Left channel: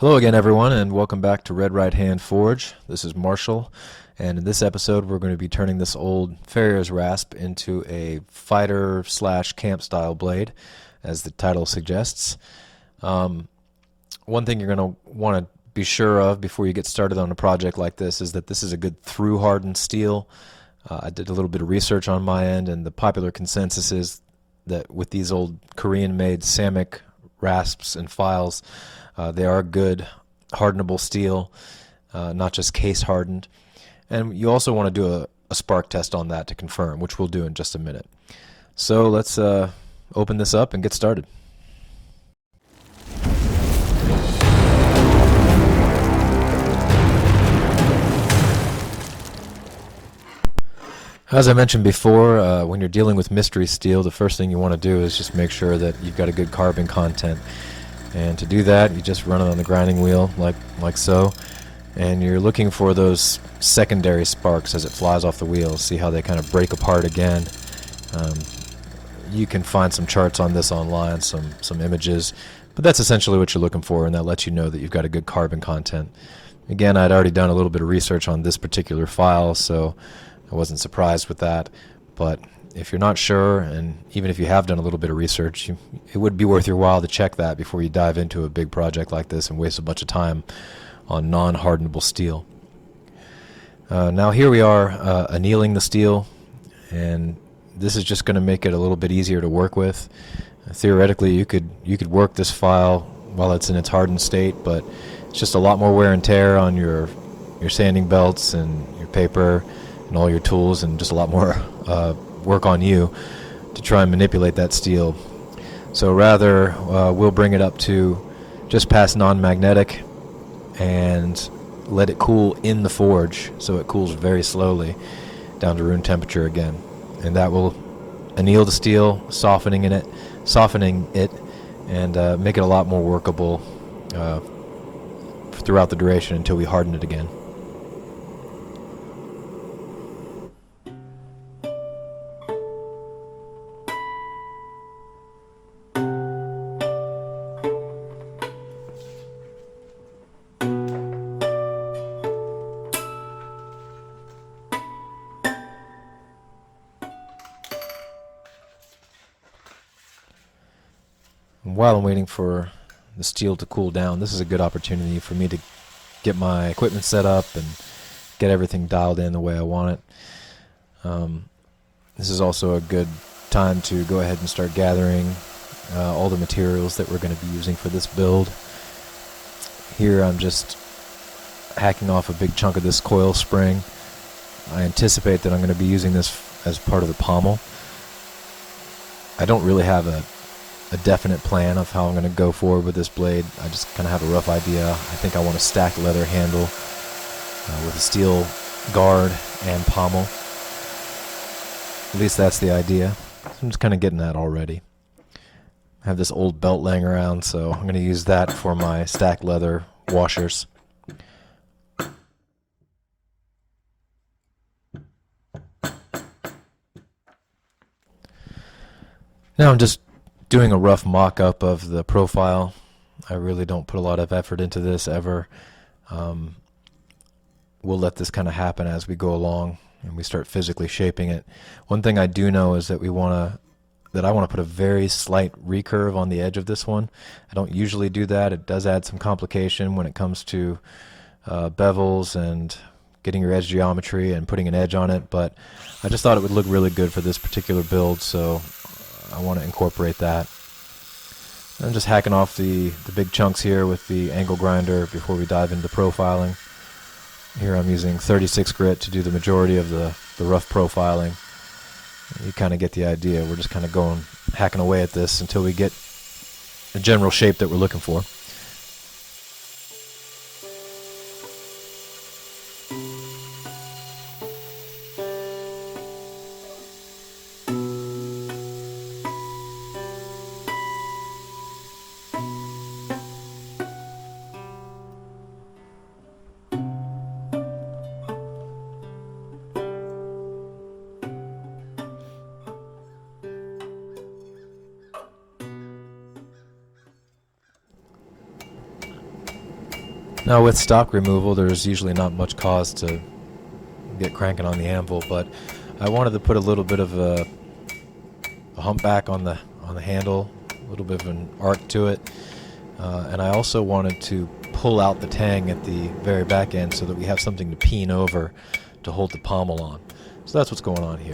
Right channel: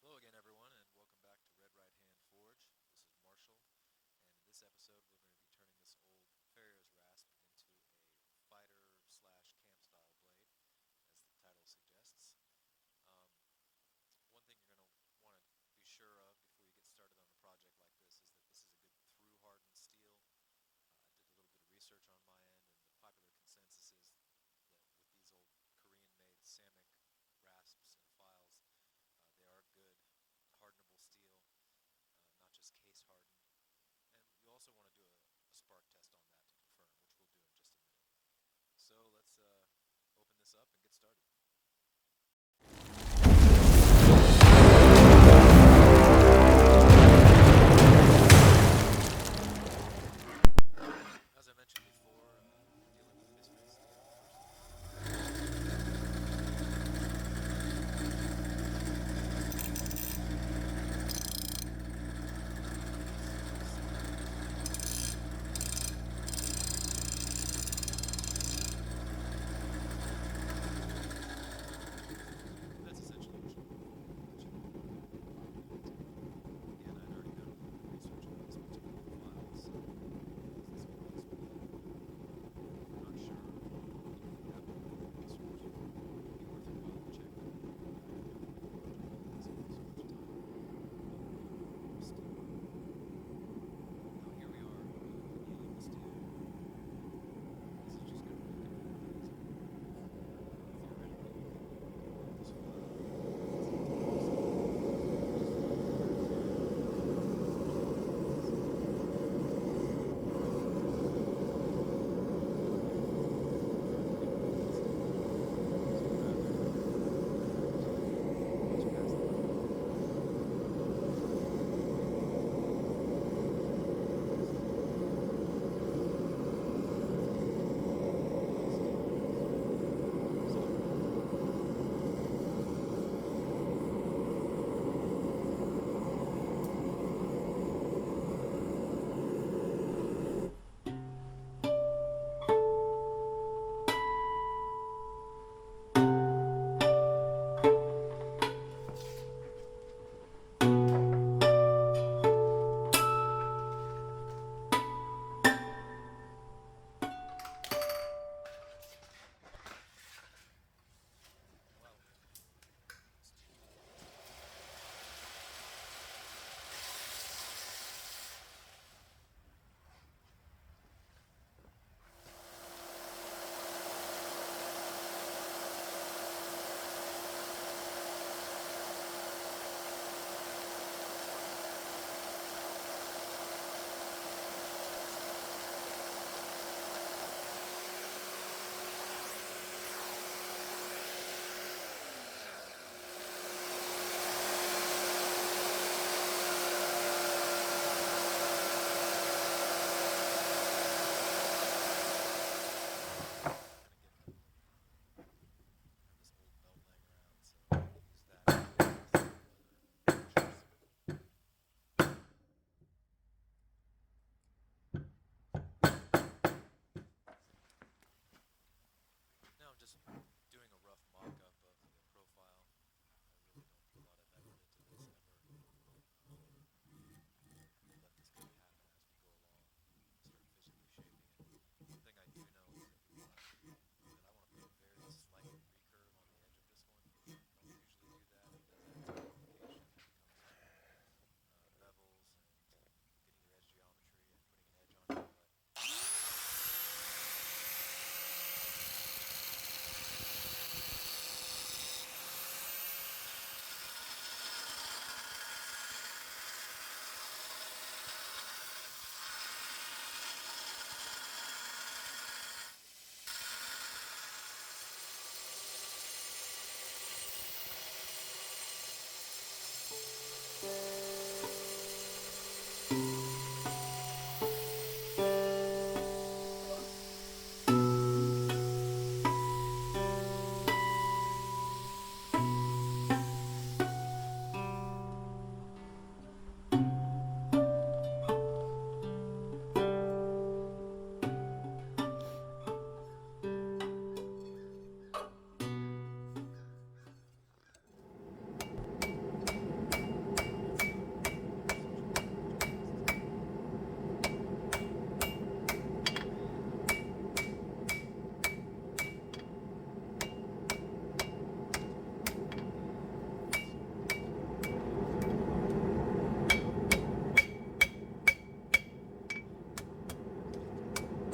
Hello again, everyone, and welcome back to Red Right Hand Forge. This is Marshall, and in this episode, we're going to be turning this old Farrier's Rasp into a fighter slash camp style blade, as the title suggests. One thing you're going to want to be sure of before you get started on a project like this is that this is a good through hardened steel. I did a little bit of research on my end, and the popular consensus is that with these old Korean made Samick rasps and files, they are good hardenable steel, not just case hardened. And you also want to do a spark test on that to confirm, which we'll do in just a minute. So let's open this up and get started. As I mentioned before, when you're dealing with mystery steel, the first thing you want to do is just make sure that you've got a good carbon content. And to do that, you just run it on the grinding wheel like so, and you're looking for those secondary sparks as it flies off the wheel. See how they kind of break apart again. You can find some charts on this online, some images, but that's essentially what you're looking for, and that lets you know that you've got a good carbon content. Again, I'd already done a little bit of research on this particular file, so I wasn't surprised with that. But if you're not sure, and even if you have done a little bit of research, it would be worth your while to check that before you dive into a big project like this and waste a bunch of time on non-hardenable steel. Now here we are annealing the steel, and this is just going to make it a little bit easier to work with. Theoretically, you could work this file while it's in its hardened state, but it's just a lot more wear and tear on your sanding belts and your paper and all your tools, and just a lot more work on you to try and manipulate that steel. So rather, we'll bring it up to just past non-magnetic and let it cool in the forge, so it cools very slowly down to room temperature again, and that will anneal the steel, softening it, and make it a lot more workable throughout the duration until we harden it again. While I'm waiting for the steel to cool down, this is a good opportunity for me to get my equipment set up and get everything dialed in the way I want it. This is also a good time to go ahead and start gathering all the materials that we're going to be using for this build. Here I'm just hacking off a big chunk of this coil spring. I anticipate that I'm going to be using this as part of the pommel. I don't really have a definite plan of how I'm going to go forward with this blade. I just kind of have a rough idea. I think I want a stacked leather handle with a steel guard and pommel. At least that's the idea. So I'm just kind of getting that already. I have this old belt laying around, so I'm going to use that for my stacked leather washers. Now I'm just doing a rough mock-up of the profile. I really don't put a lot of effort into this ever. We'll let this kind of happen as we go along and we start physically shaping it. One thing I do know is that I want to put a very slight recurve on the edge of this one. I don't usually do that. It does add some complication when it comes to bevels and getting your edge geometry and putting an edge on it, but I just thought it would look really good for this particular build, so I want to incorporate that. I'm just hacking off the big chunks here with the angle grinder before we dive into profiling. Here I'm using 36 grit to do the majority of the rough profiling. You kind of get the idea. We're just kind of hacking away at this until we get the general shape that we're looking for. Now with stock removal, there's usually not much cause to get cranking on the anvil, but I wanted to put a little bit of a humpback on the handle, a little bit of an arc to it, and I also wanted to pull out the tang at the very back end so that we have something to peen over to hold the pommel on. So that's what's going on here.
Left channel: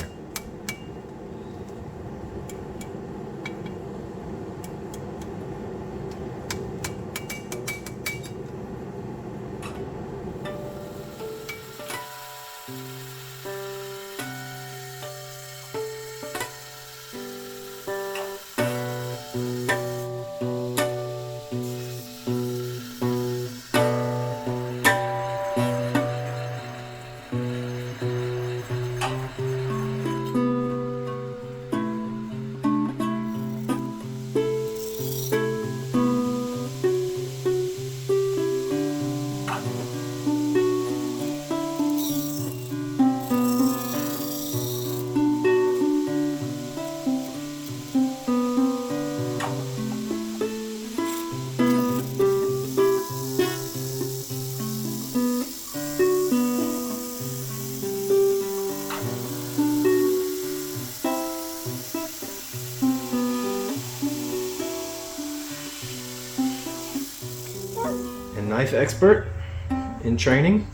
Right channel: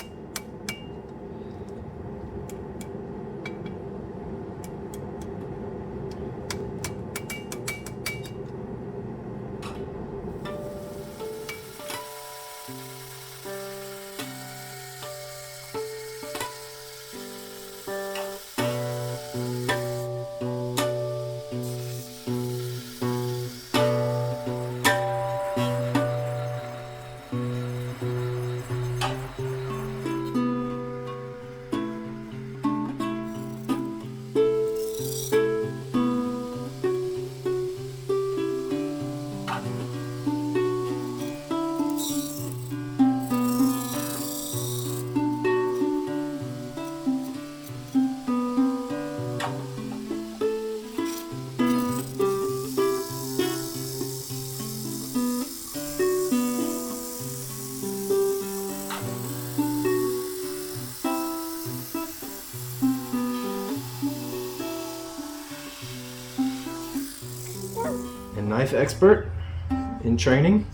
And knife expert in training.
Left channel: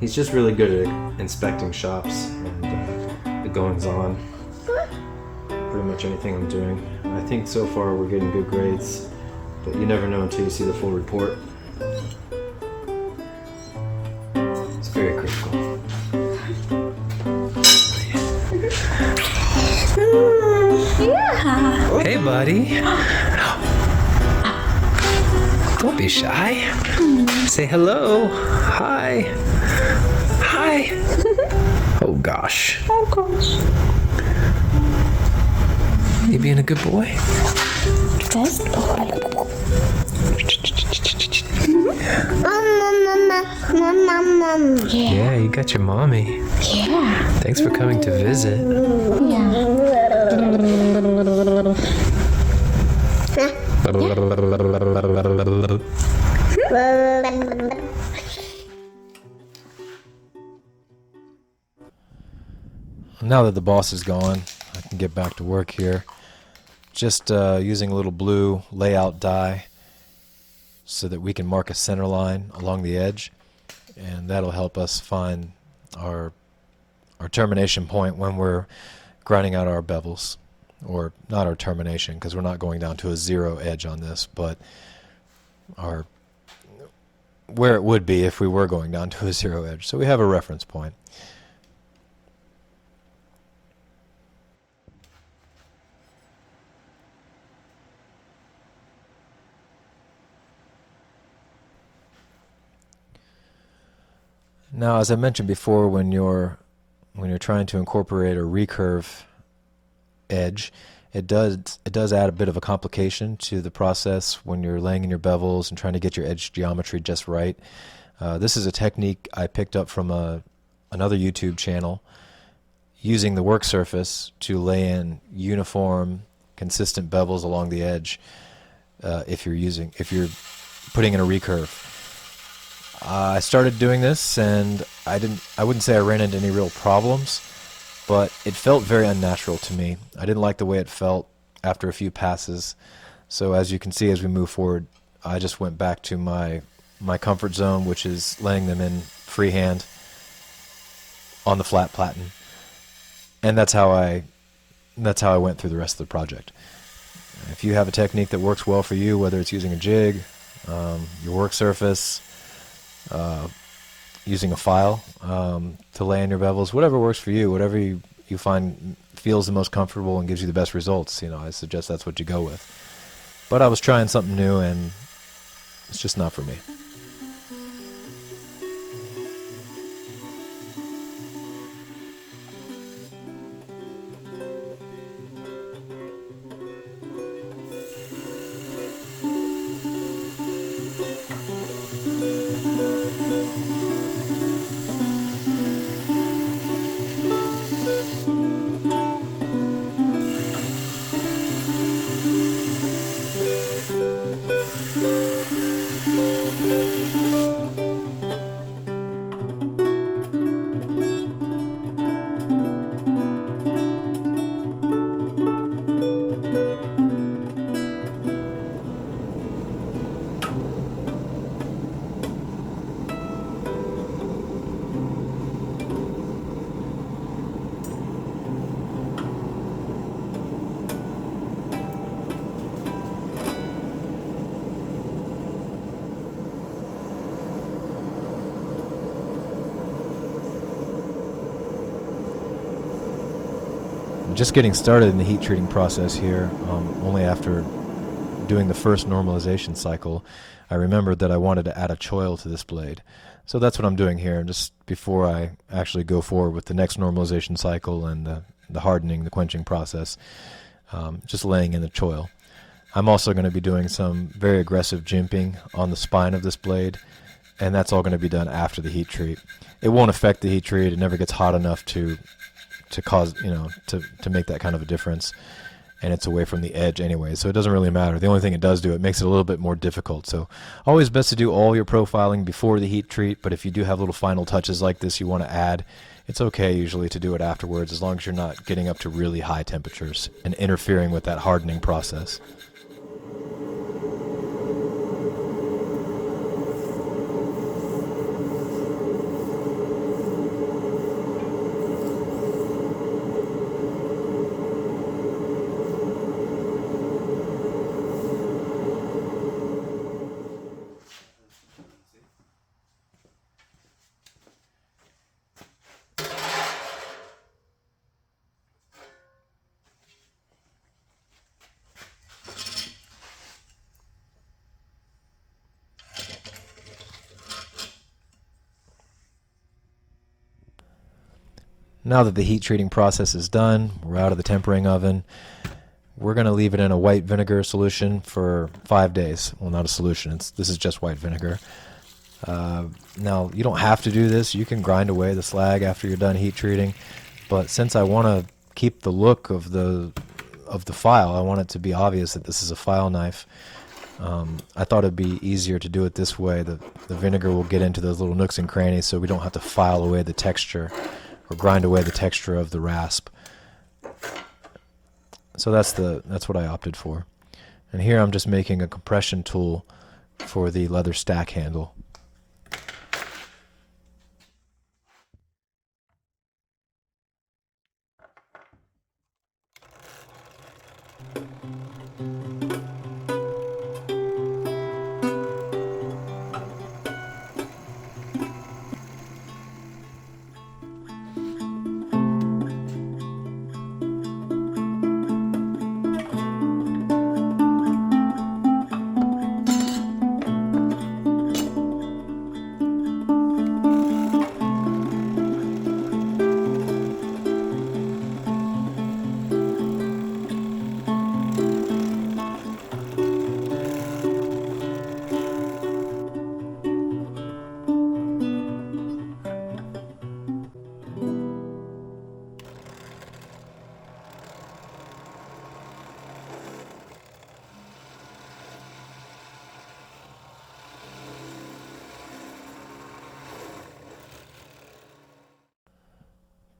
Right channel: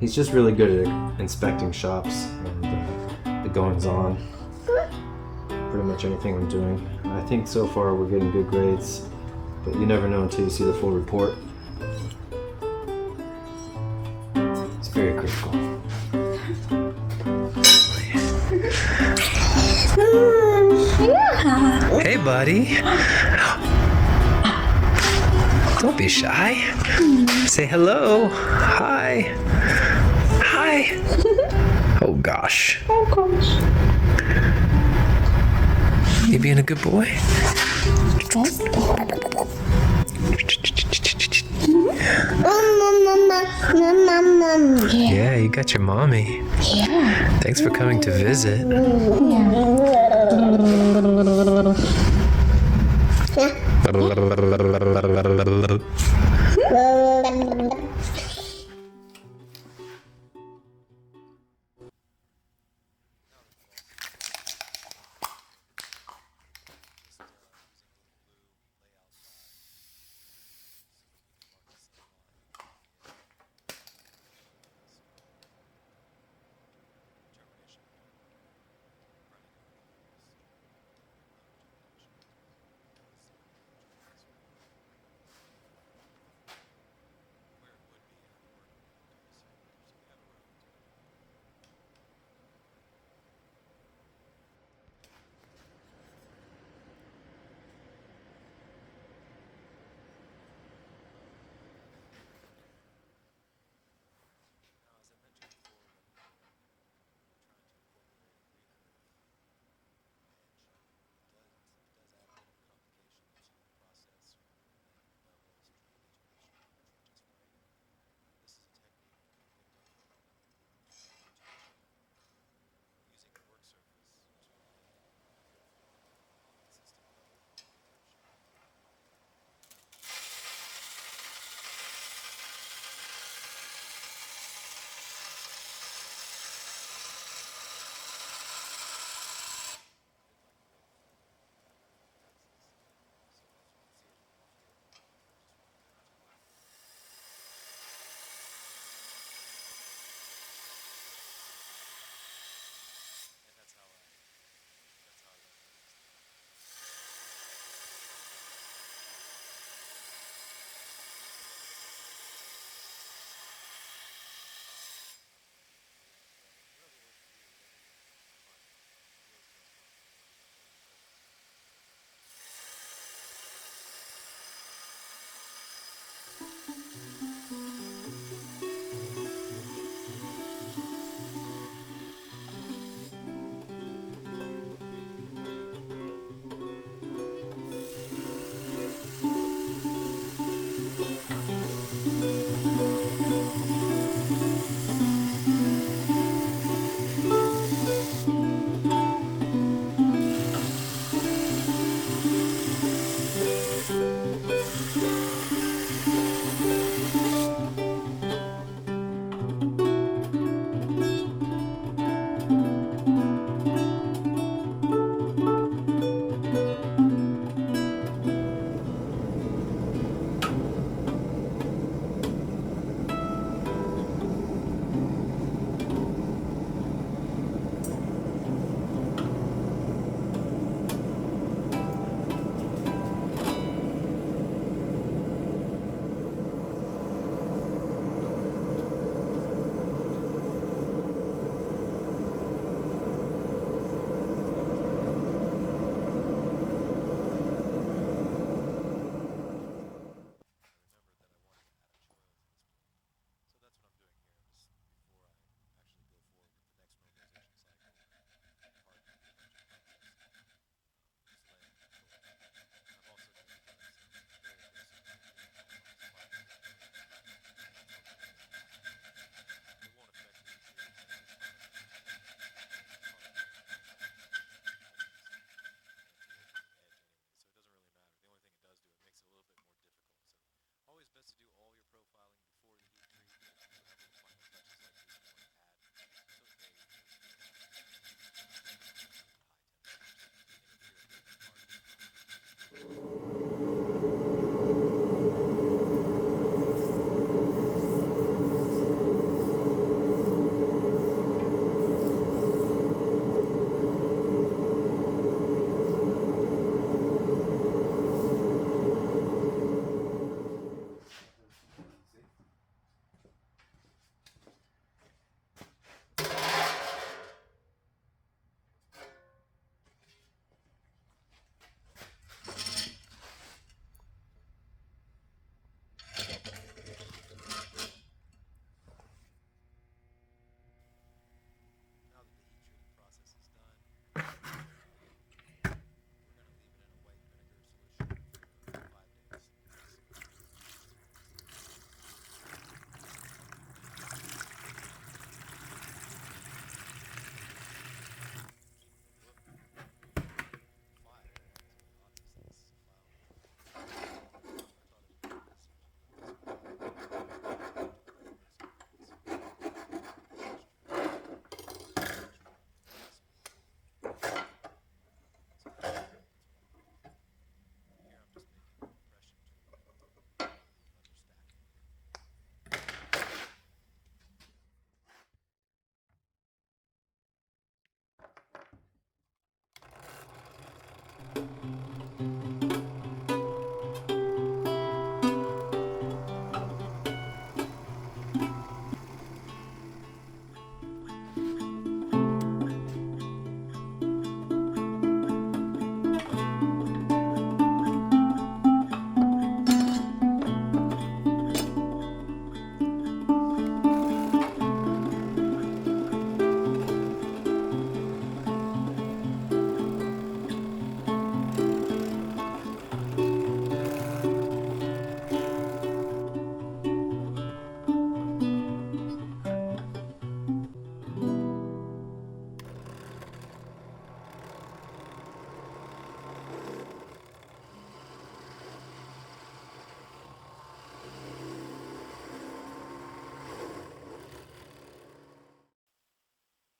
He's just really good at inspecting shops and the goings on. Pretty much anything I'm doing. I think so far we're getting good grades, but you never know until you see the full report. It's very critical. Yeah. Hey, buddy. Don't be shy. Say hello. Hi. Hi. Oh gosh. Oh gosh. You being a good boy? First boy. Yeah, you got your mommy. Yeah. Thanks for coming to visit. Now that the boss is gone, I can get back to work here. Just using a little blue layout die so that we can mark a center line along the edge, and that'll help us find our termination point when we're grinding out our bevels. Or not our termination, because we're not going down to a zero edge on this, but where it would be if we were going down to a zero edge. So we have a reference point. Now, as I mentioned before, when you're trying to incorporate a recurve edge, it does add a bit of a complication to the process when you're laying in your bevels and trying to get your edge geometry just right. This is a technique I picked up from another YouTube channel, using the work surface to lay in uniform, consistent bevels along the edge. If you're putting in a recurve. I started doing this, and I wouldn't say I ran into any real problems, but it felt very unnatural to me. I didn't like the way it felt after a few passes. So as you can see, as we move forward, I just went back to my comfort zone, which is laying them in freehand on the flat platen. And that's how I went through the rest of the project. If you have a technique that works well for you, whether it's using a jig, your work surface, using a file to lay in your bevels, whatever works for you, whatever you find feels the most comfortable and gives you the best results, I suggest that's what you go with. But I was trying something new, and it's just not for me. just getting started in the heat treating process here, only after doing the first normalization cycle, I remembered that I wanted to add a choil to this blade. So that's what I'm doing here, just before I actually go forward with the next normalization cycle and the hardening, the quenching process, just laying in the choil. I'm also going to be doing some very aggressive jimping on the spine of this blade, and that's all going to be done after the heat treat. It won't affect the heat treat. It never gets hot enough to cause, to make that kind of a difference, and it's away from the edge anyway, so it doesn't really matter. The only thing it does do, it makes it a little bit more difficult. So always best to do all your profiling before the heat treat, but if you do have little final touches like this you want to add, it's okay usually to do it afterwards, as long as you're not getting up to really high temperatures and interfering with that hardening process. Now that the heat treating process is done, we're out of the tempering oven, we're going to leave it in a white vinegar solution for 5 days. Well, not a solution, this is just white vinegar. Now, you don't have to do this. You can grind away the slag after you're done heat treating, but since I want to keep the look of the file, I want it to be obvious that this is a file knife. I thought it'd be easier to do it this way. The vinegar will get into those little nooks and crannies, so we don't have to file away the texture or grind away the texture of the rasp. So that's what I opted for. And here I'm just making a compression tool for the leather stack handle.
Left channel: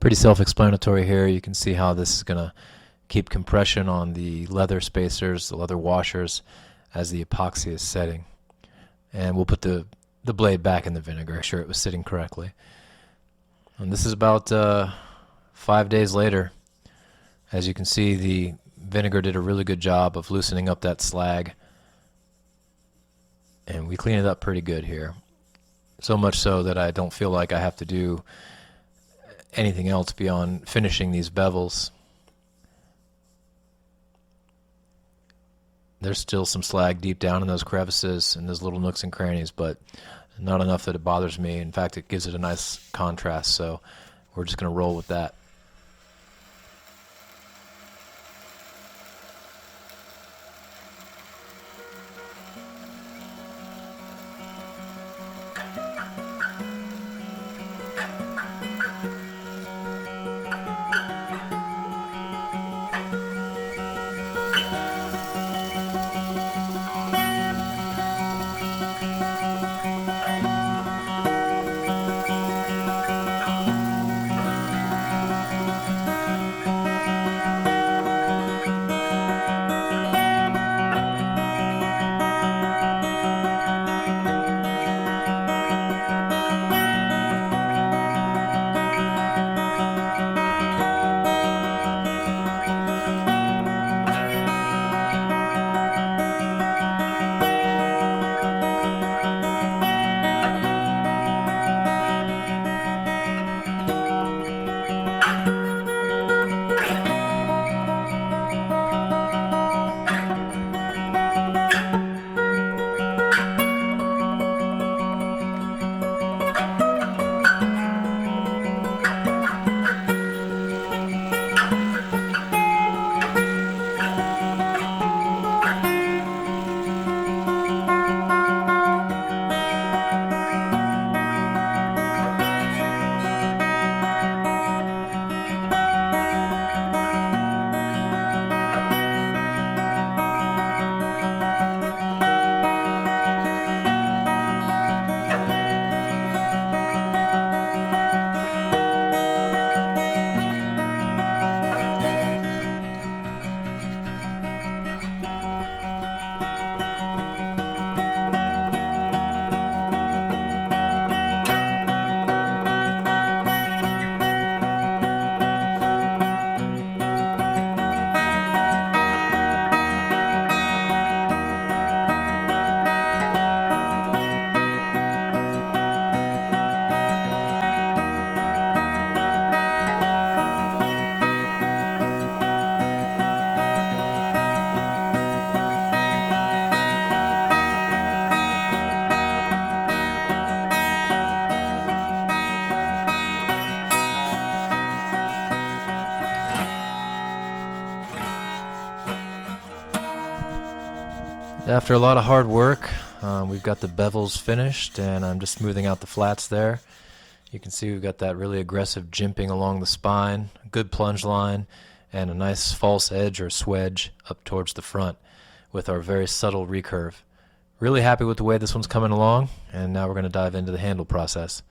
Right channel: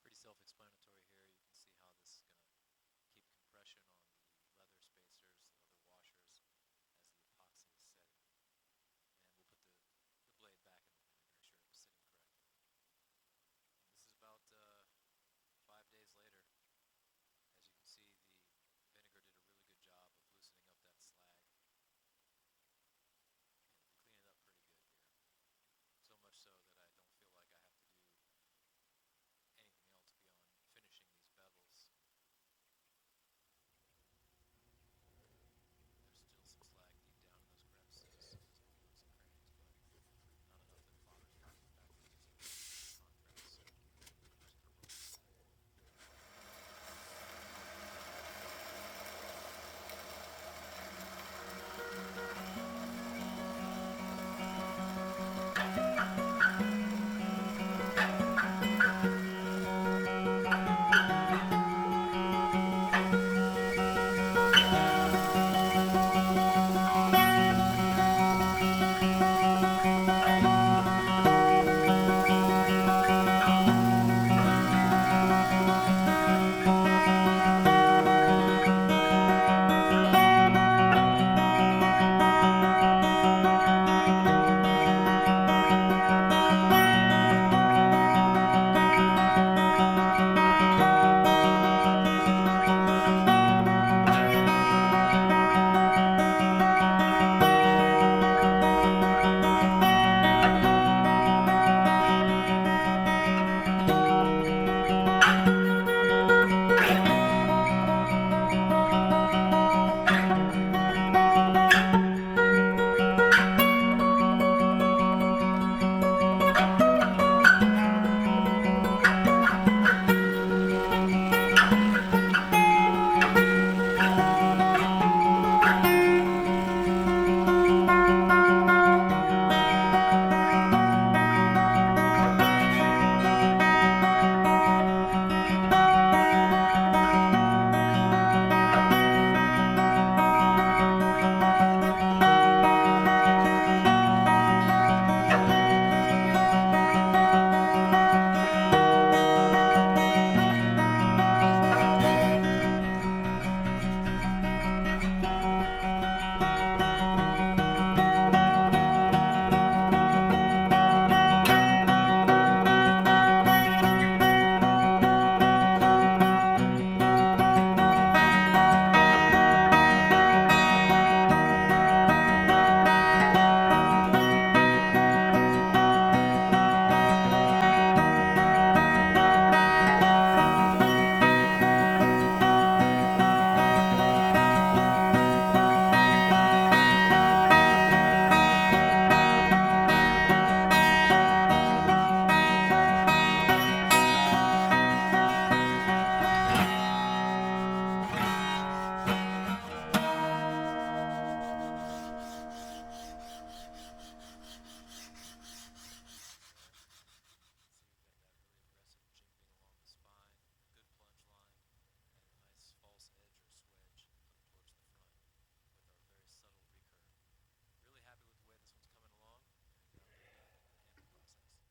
Pretty self-explanatory here. You can see how this is going to keep compression on the leather spacers, the leather washers, as the epoxy is setting. And we'll put the blade back in the vinegar, make sure it was sitting correctly. And this is about 5 days later. As you can see, the vinegar did a really good job of loosening up that slag, and we clean it up pretty good here. So much so that I don't feel like I have to do anything else beyond finishing these bevels. There's still some slag deep down in those crevices and those little nooks and crannies, but not enough that it bothers me. In fact, it gives it a nice contrast, so we're just going to roll with that. After a lot of hard work, we've got the bevels finished, and I'm just smoothing out the flats there. You can see we've got that really aggressive jimping along the spine, a good plunge line, and a nice false edge or swedge up towards the front with our very subtle recurve. Really happy with the way this one's coming along, and now we're going to dive into the handle process.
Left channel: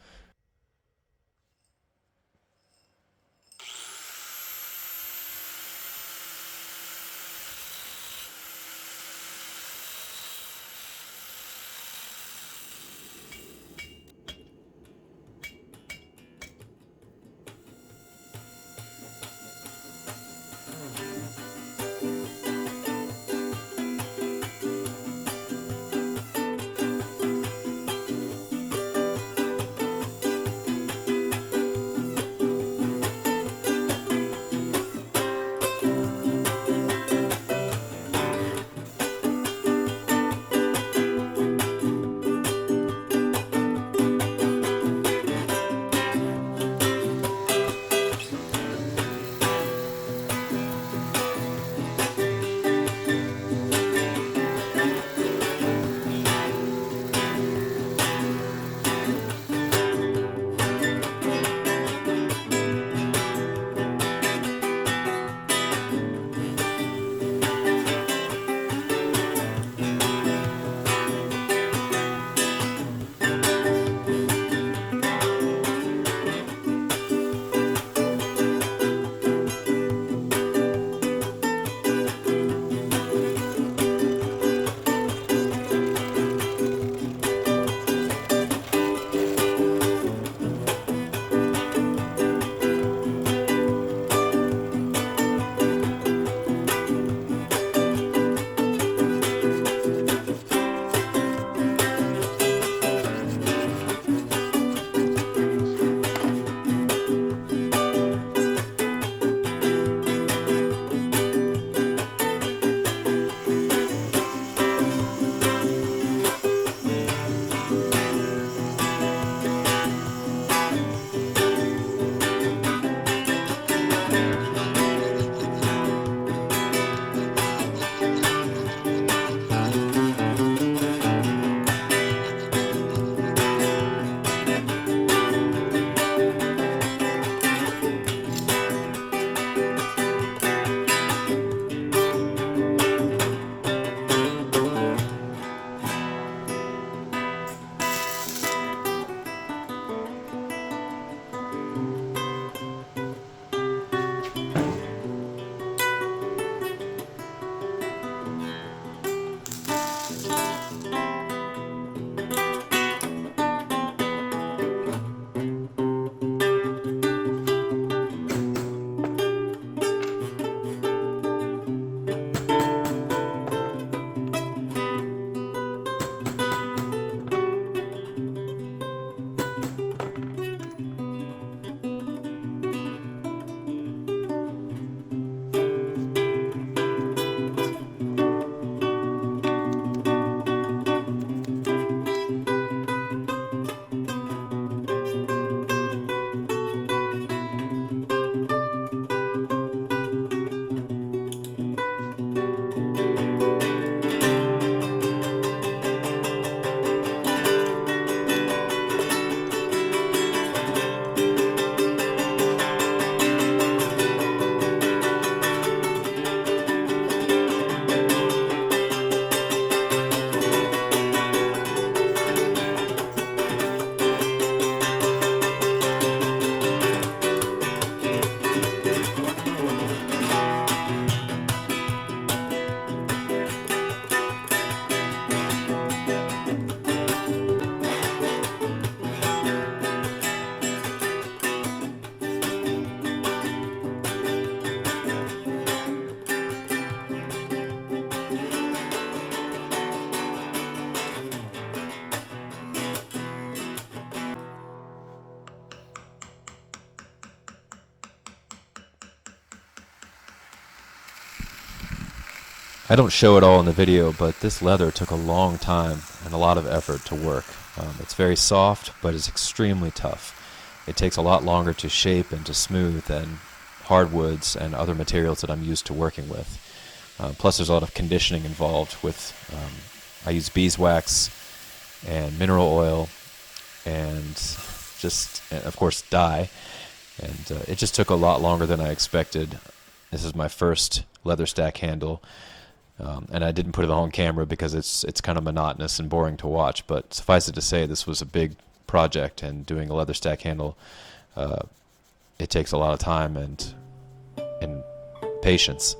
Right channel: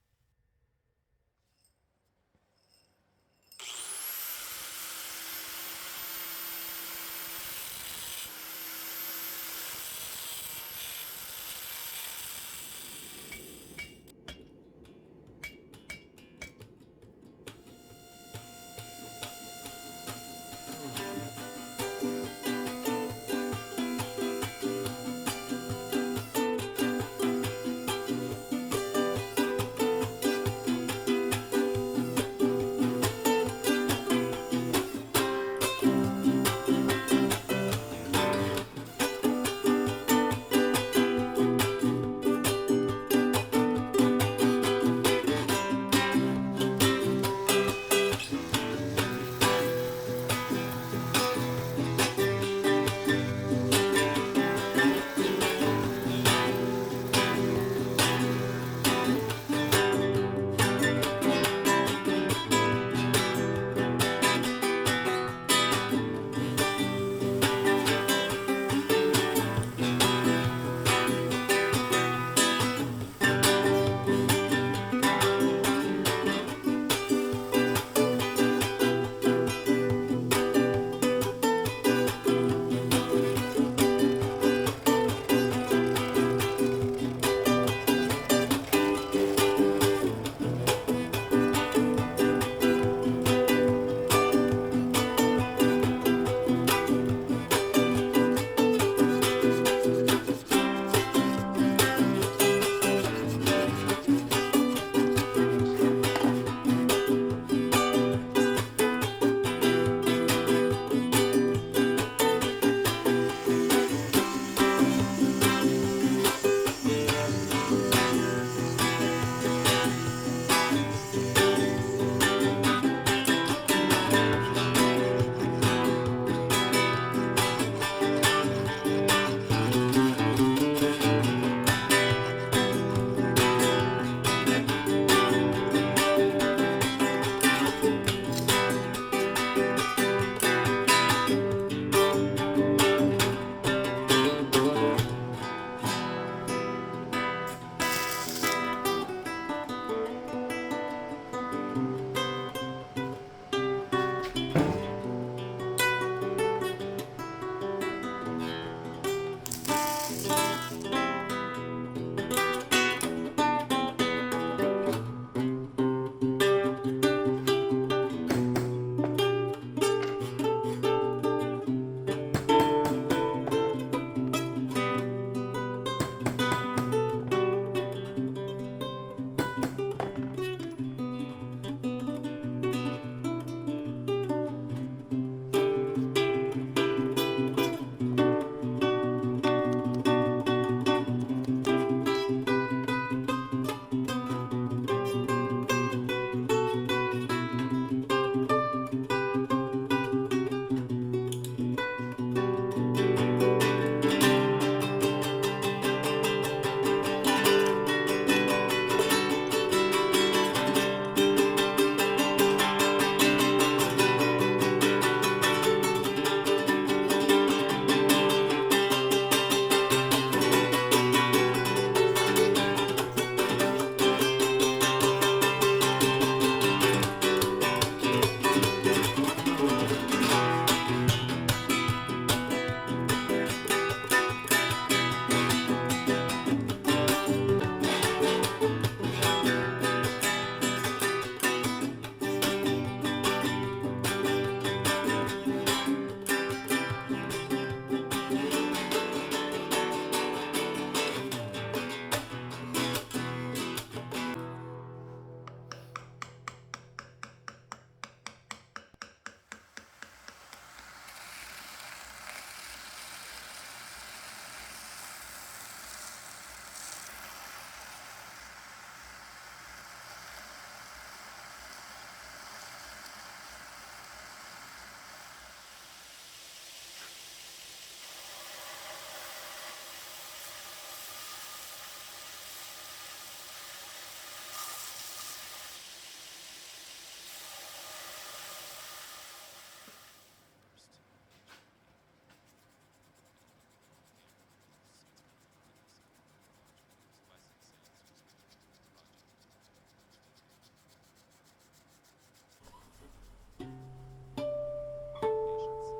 I don't show it all in the video, but this leather took a long time and a lot of effort to work. It's very soft, but it's extremely tough. It takes a lot longer to shape and to smooth than hardwoods and other materials that I'm used to working with. Plus, there's a lot of conditioning involved with. I use beeswax and mineral oil, and just, of course, dye. And it just took a lot longer than I expected. This is my first leather stack handle, and I didn't put it on camera because it's kind of monotonous and boring to watch. But suffice it to say, this was a big project, and doing a leather stack handle, it takes a lot of time and patience.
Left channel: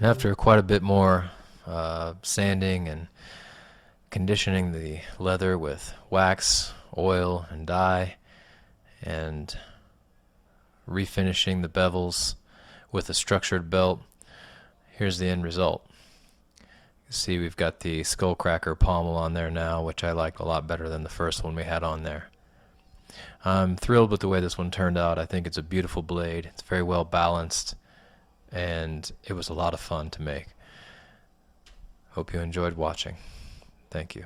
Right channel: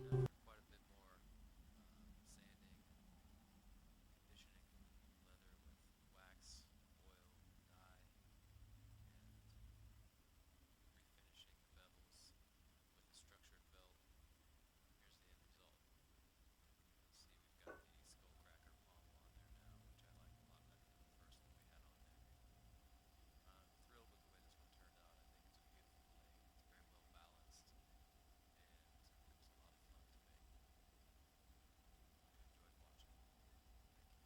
And after quite a bit more sanding and conditioning the leather with wax, oil, and dye, and refinishing the bevels with a structured belt, here's the end result. You see we've got the skullcracker pommel on there now, which I like a lot better than the first one we had on there. I'm thrilled with the way this one turned out. I think it's a beautiful blade. It's very well balanced, and it was a lot of fun to make. Hope you enjoyed watching. Thank you.